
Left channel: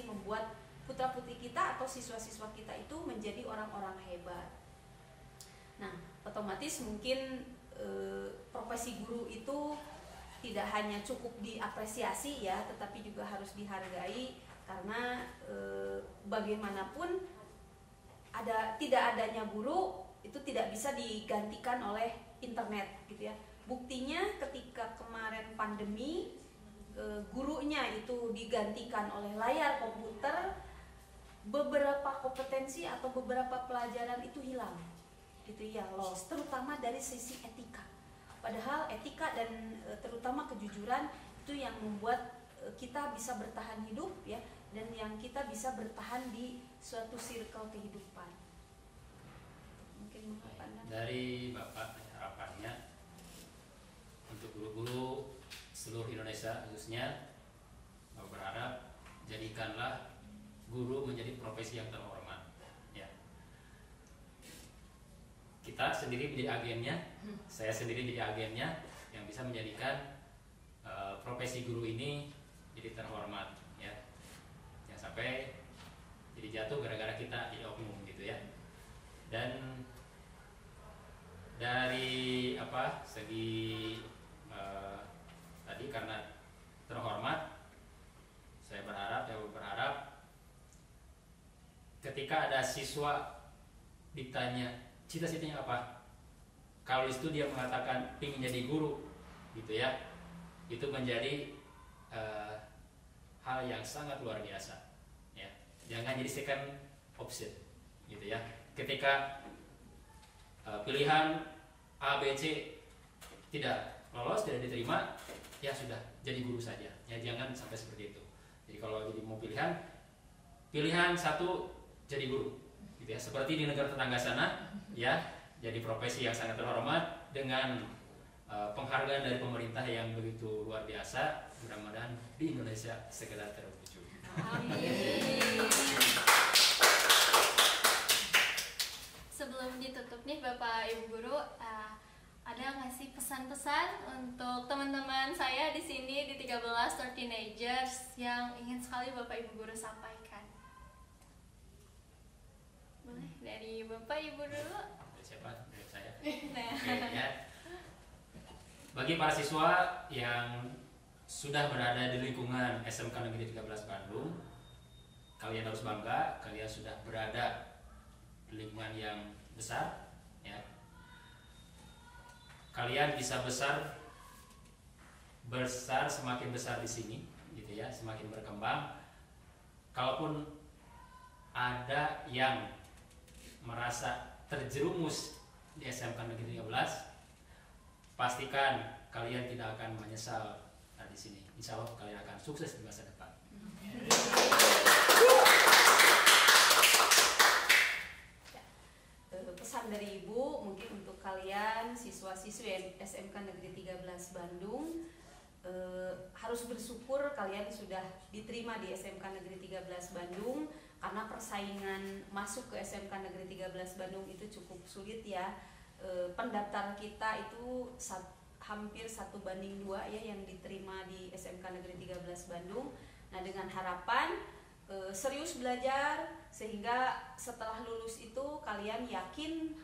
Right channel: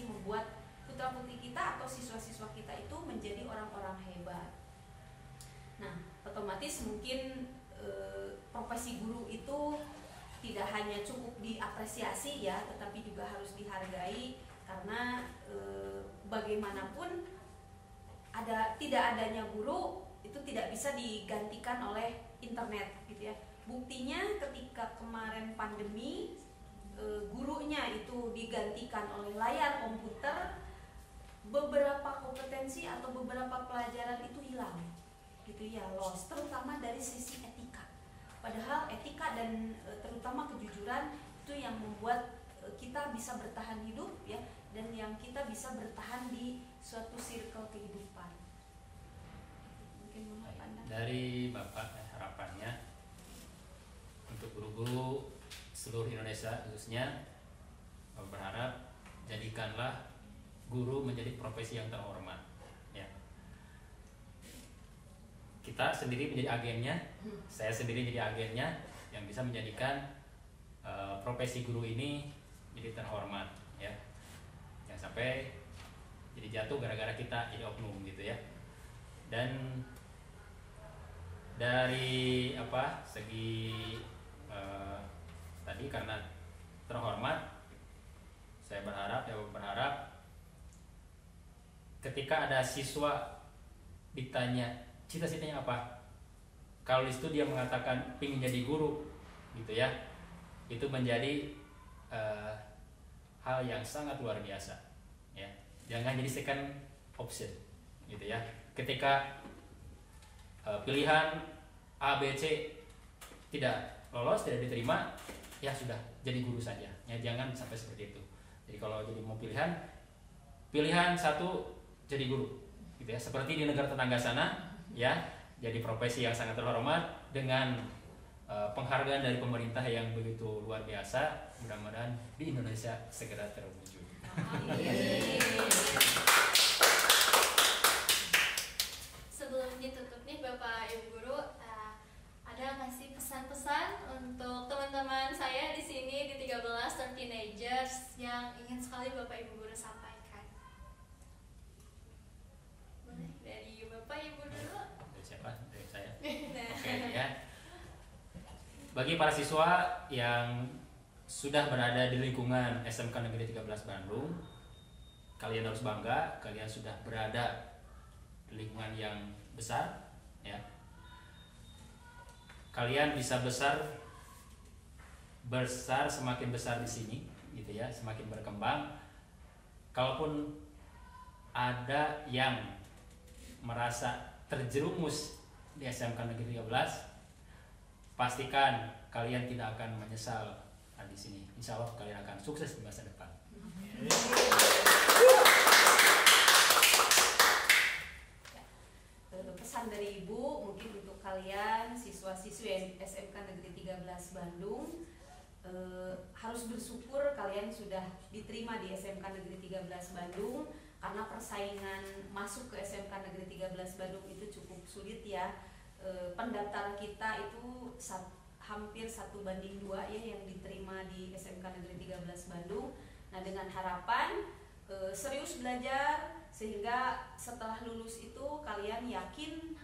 membuat putra-putri kita atau siswa-siswa kita itu menjadi orang-orang hebat. Nah, otomatis mungkin profesi guru itu tidak hanya cukup diapresiasi ya, tetapi juga harus dihargai, karena bagaimanapun tidak adanya guru itu tidak bisa digantikan oleh internet gitu ya. Buktinya ketika kemarin pandemi, gurunya itu digantikan oleh layar komputer, beberapa kompetensi atau beberapa pelajaran itu hilang gitu ya, lost, terutama dari sisi etika. Padahal etika dan terutama kejujuran itu yang membuat kita bisa bertahan hidup ya, dan yang kita bisa bertahan di suatu circle kehidupan. Mungkin menurut Anda dari Bapak harapannya untuk guru-guru seluruh Indonesia khususnya, Bapak berharap jadikanlah guru menjadi profesi yang terhormat ya. Kita sendiri menjadi agennya, saya sendiri jadi agennya yang bisa menjadikan profesi guru ini jadi terhormat ya. Jangan sampai jadi jatuh gara-gara kita jadi oknum gitu ya. Dan dari segi tadi karena terhormat, saya berharap ketika ada siswa ditanya cita-citanya apa, kalau di situ dia mengatakan ingin jadi guru gitu ya, itu menjadi hal yang sangat luar biasa ya. Jangan jadi second option gitu ya. Ketika pilihan A, B, C tidak lolos, tidak diterima, ya sudah jadi guru saja ya. Jangan sampai seperti itu. Jadi kalau jadi mau pilihan satu jadi guru gitu ya, seperti di negara tetangga sana ya, jadi profesi yang sangat terhormat dengan penghargaan dari pemerintah yang begitu luar biasa. Mudah-mudahan di Indonesia segera terwujud. Amin. Sebelum ditutup nih Bapak Ibu Guru, ada nggak sih pesan-pesan untuk teman-teman saya di sini di 13 Teenagers yang ingin sekali Bapak Ibu Guru sampaikan? Boleh dari Bapak Ibu dulu. Siapa? Dari saya. Oke, ya. Bagi para siswa yang sudah berada di lingkungan SMK Negeri 13 Bandung, kalian harus bangga, kalian sudah berada di lingkungan yang besar ya. Kalian bisa besar semakin besar di sini gitu ya, semakin berkembang. Kalaupun ada yang merasa terjerumus di SMK Negeri 13, pastikan kalian tidak akan menyesal di sini. Insya Allah kalian akan sukses di masa depan. Pesan dari Ibu mungkin untuk kalian siswa-siswi SMK Negeri 13 Bandung, harus bersyukur kalian sudah diterima di SMK Negeri 13 Bandung, karena persaingan masuk ke SMK Negeri 13 Bandung itu cukup sulit ya. Pendaftar kita itu hampir 1:2 ya yang diterima di SMK Negeri 13 Bandung. Nah, dengan harapan serius belajar sehingga setelah lulus itu kalian yakin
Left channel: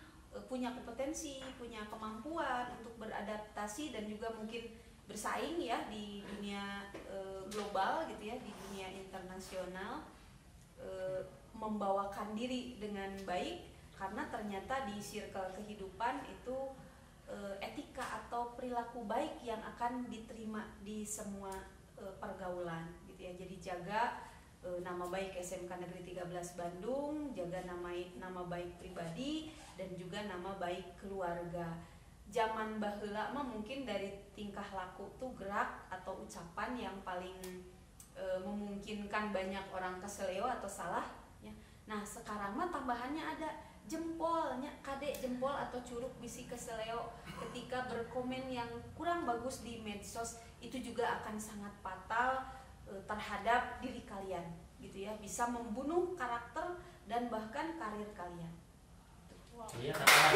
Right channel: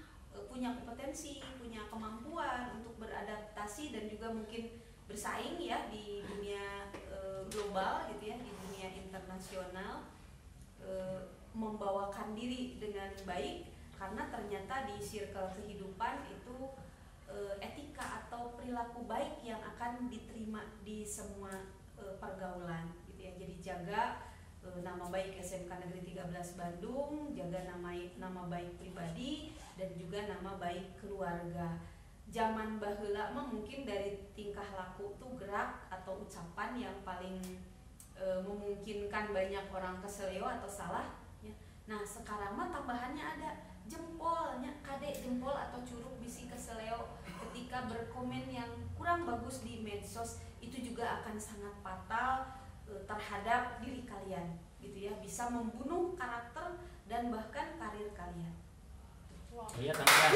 punya kompetensi, punya kemampuan untuk beradaptasi dan juga mungkin bersaing ya di dunia global gitu ya, di dunia internasional, membawakan diri dengan baik, karena ternyata di circle kehidupan itu etika atau perilaku baik yang akan diterima di semua pergaulan gitu ya. Jadi jaga nama baik SMK Negeri 13 Bandung, jaga nama baik pribadi dan juga nama baik keluarga. zaman baheula mah mungkin dari tingkah laku tuh gerak atau ucapan yang paling memungkinkan banyak orang keseleo atau salah ya. Nah sekarang mah tambahannya ada jempolnya, kade jempol atau curug bisi keseleo ketika berkomen yang kurang bagus di medsos, itu juga akan sangat fatal terhadap diri kalian gitu ya, bisa membunuh karakter dan bahkan karir kalian. Wow. Iya tambahan.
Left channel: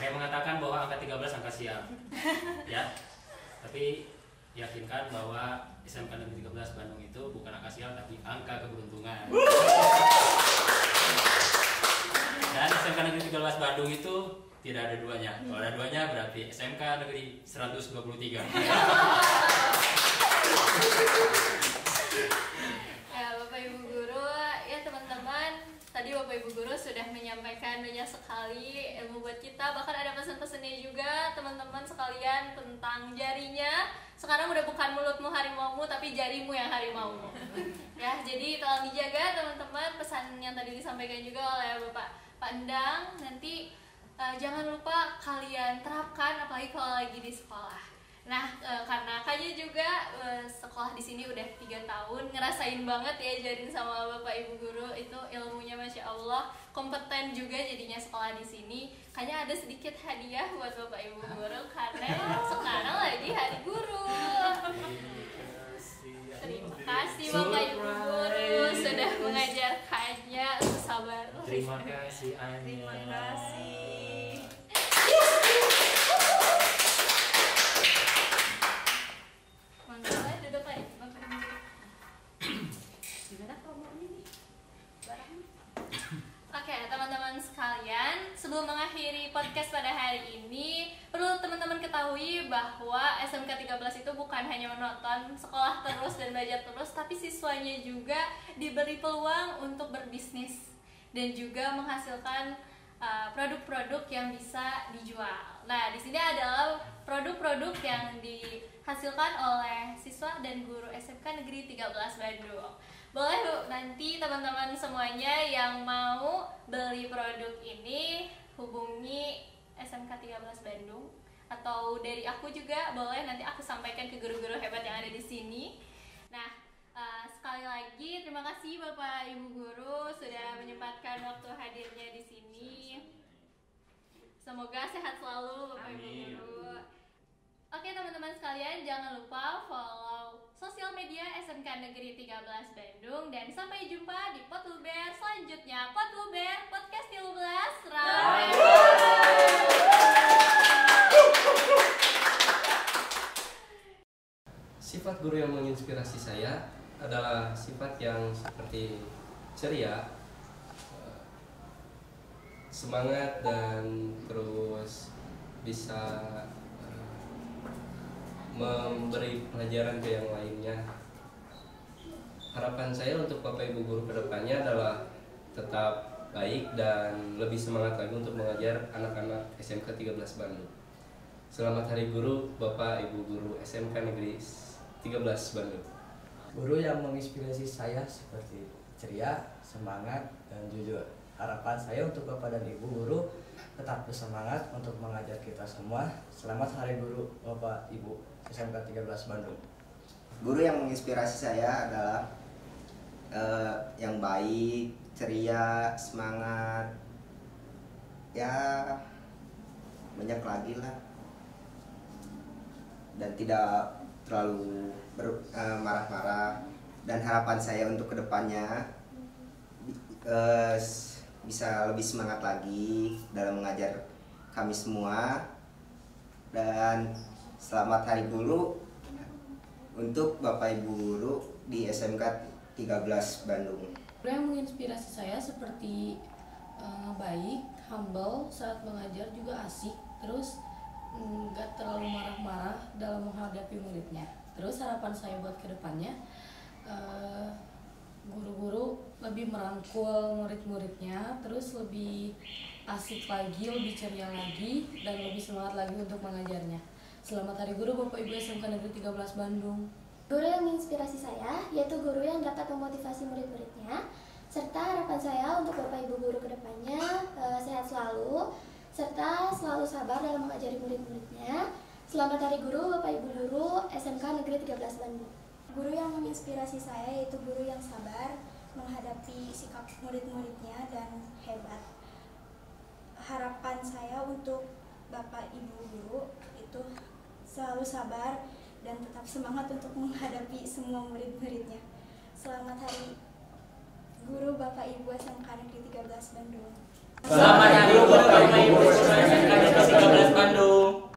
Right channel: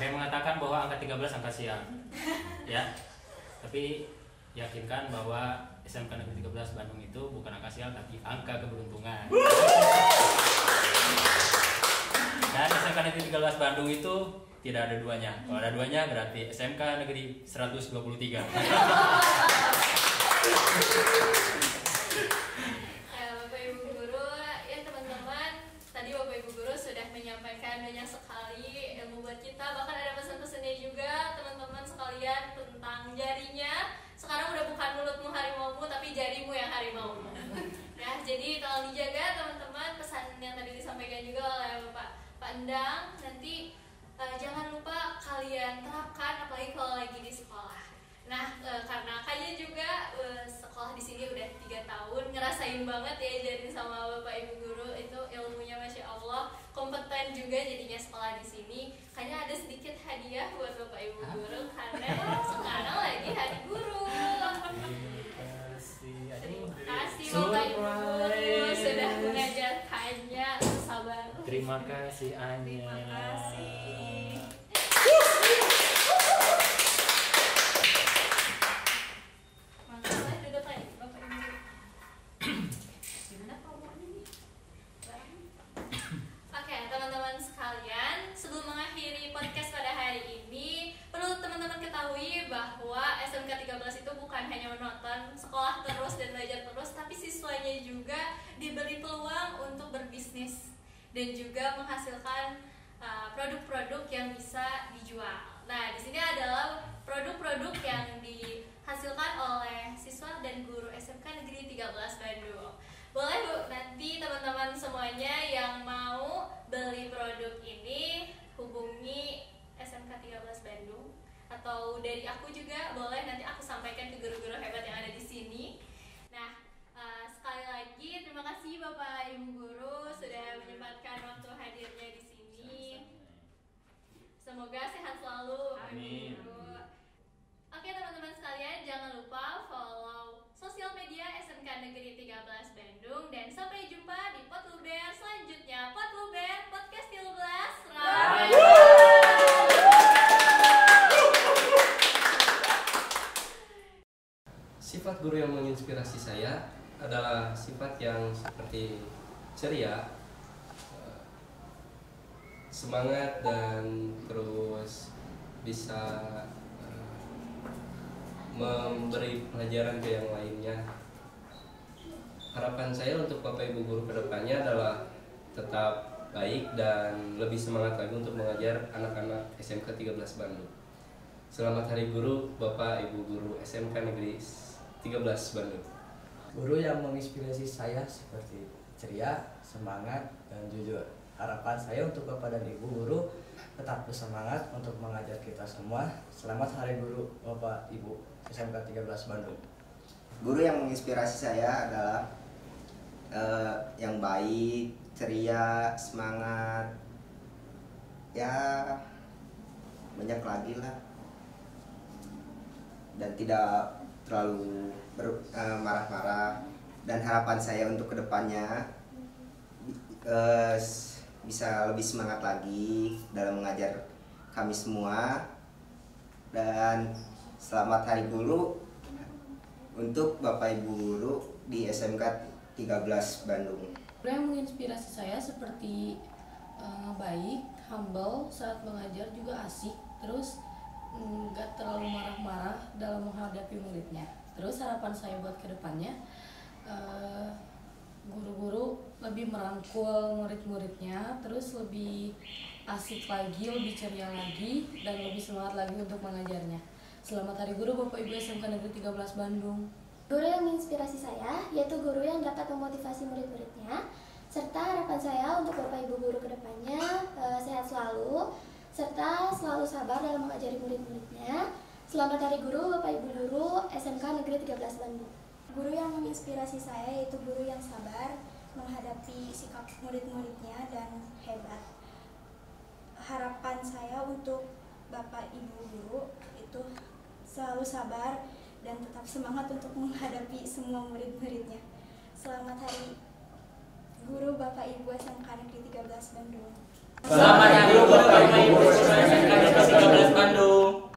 Ada yang mengatakan bahwa angka 13 angka sial. Ya. Tapi yakinkan bahwa SMK Negeri 13 Bandung itu bukan angka sial tapi angka keberuntungan. Dan SMK Negeri 13 Bandung itu tidak ada duanya. Kalau ada duanya berarti SMK Negeri 123. Ya, Bapak Ibu Guru, ya teman-teman, tadi Bapak Ibu Guru sudah menyampaikan banyak sekali ilmu buat kita. Bahkan ada pesan-pesannya juga teman-teman sekalian tentang jarinya. Sekarang udah bukan mulutmu harimaumu tapi jarimu yang harimaumu. Ya, jadi tolong dijaga teman-teman, pesan yang tadi disampaikan juga oleh Pak Endang. Nanti jangan lupa kalian terapkan apalagi kalau lagi di sekolah. Nah, karena Kanya juga sekolah di sini udah 3 tahun, ngerasain banget ya jadi sama Bapak Ibu Guru, itu ilmunya Masya Allah, kompeten juga jadinya sekolah di sini. Kanya ada sedikit hadiah buat Bapak Ibu Guru karena sekarang lagi Hari Guru. Terima kasih Bapak Ibu Guru sudah mengajarkannya, sabar. Terima kasih Anya. Terima kasih. Sebelum mengakhiri podcast pada hari ini, perlu teman-teman ketahui bahwa SMK 13 itu bukan hanya menonton sekolah terus dan belajar terus, tapi siswanya juga diberi peluang untuk berbisnis dan juga menghasilkan produk-produk yang bisa dijual. Nah, di sini adalah produk-produk yang dihasilkan oleh siswa dan guru SMK Negeri 13 Bandung. Boleh Bu, nanti teman-teman semuanya yang mau beli produk ini hubungi SMK 13 Bandung, atau dari aku juga boleh, nanti aku sampaikan ke guru-guru hebat yang ada di sini. Nah, sekali lagi terima kasih Bapak Ibu Guru sudah menyempatkan waktu hadirnya di sini. Semoga sehat selalu Bapak Ibu Guru. Oke teman-teman sekalian, jangan lupa follow sosial media SMK Negeri 13 Bandung, dan sampai jumpa di Potluber selanjutnya. Potluber Podcast 13 Ramen. Sifat guru yang menginspirasi saya adalah sifat yang seperti ceria, semangat, dan terus bisa memberi pelajaran ke yang lainnya. Harapan saya untuk Bapak Ibu Guru kedepannya adalah tetap baik dan lebih semangat lagi untuk mengajar anak-anak SMK 13 Bandung. Selamat Hari Guru Bapak Ibu Guru SMK Negeri 13 Bandung. Guru yang menginspirasi saya seperti ceria, semangat, dan jujur. Harapan saya untuk Bapak dan Ibu Guru tetap bersemangat untuk mengajar kita semua. Selamat Hari Guru Bapak Ibu SMK 13 Bandung. Guru yang menginspirasi saya adalah yang baik, ceria, semangat, ya banyak lagi lah, dan tidak terlalu marah-marah. Dan harapan saya untuk kedepannya bisa lebih semangat lagi dalam mengajar kami semua. Dan selamat Hari Guru untuk Bapak Ibu Guru di SMK 13 Bandung. Guru yang menginspirasi saya seperti baik, humble saat mengajar, juga asik, terus nggak terlalu marah-marah dalam menghadapi muridnya. Terus harapan saya buat kedepannya, guru-guru lebih merangkul murid-muridnya, terus lebih asik lagi, lebih ceria lagi, dan lebih semangat lagi untuk mengajarnya. Selamat Hari Guru Bapak Ibu SMK Negeri 13 Bandung. Guru yang menginspirasi saya yaitu guru yang dapat memotivasi murid-muridnya, serta harapan saya untuk Bapak Ibu Guru kedepannya sehat selalu, serta selalu sabar dalam mengajari murid-muridnya. Selamat Hari Guru Bapak Ibu Guru SMK Negeri 13 Bandung. Guru yang menginspirasi saya yaitu guru yang sabar menghadapi sikap murid-muridnya dan hebat. Harapan saya untuk Bapak Ibu Guru itu selalu sabar dan tetap semangat untuk menghadapi semua murid-muridnya. Selamat Hari Guru Bapak Ibu SMK Negeri 13 Bandung. Selamat Hari Guru Bapak Ibu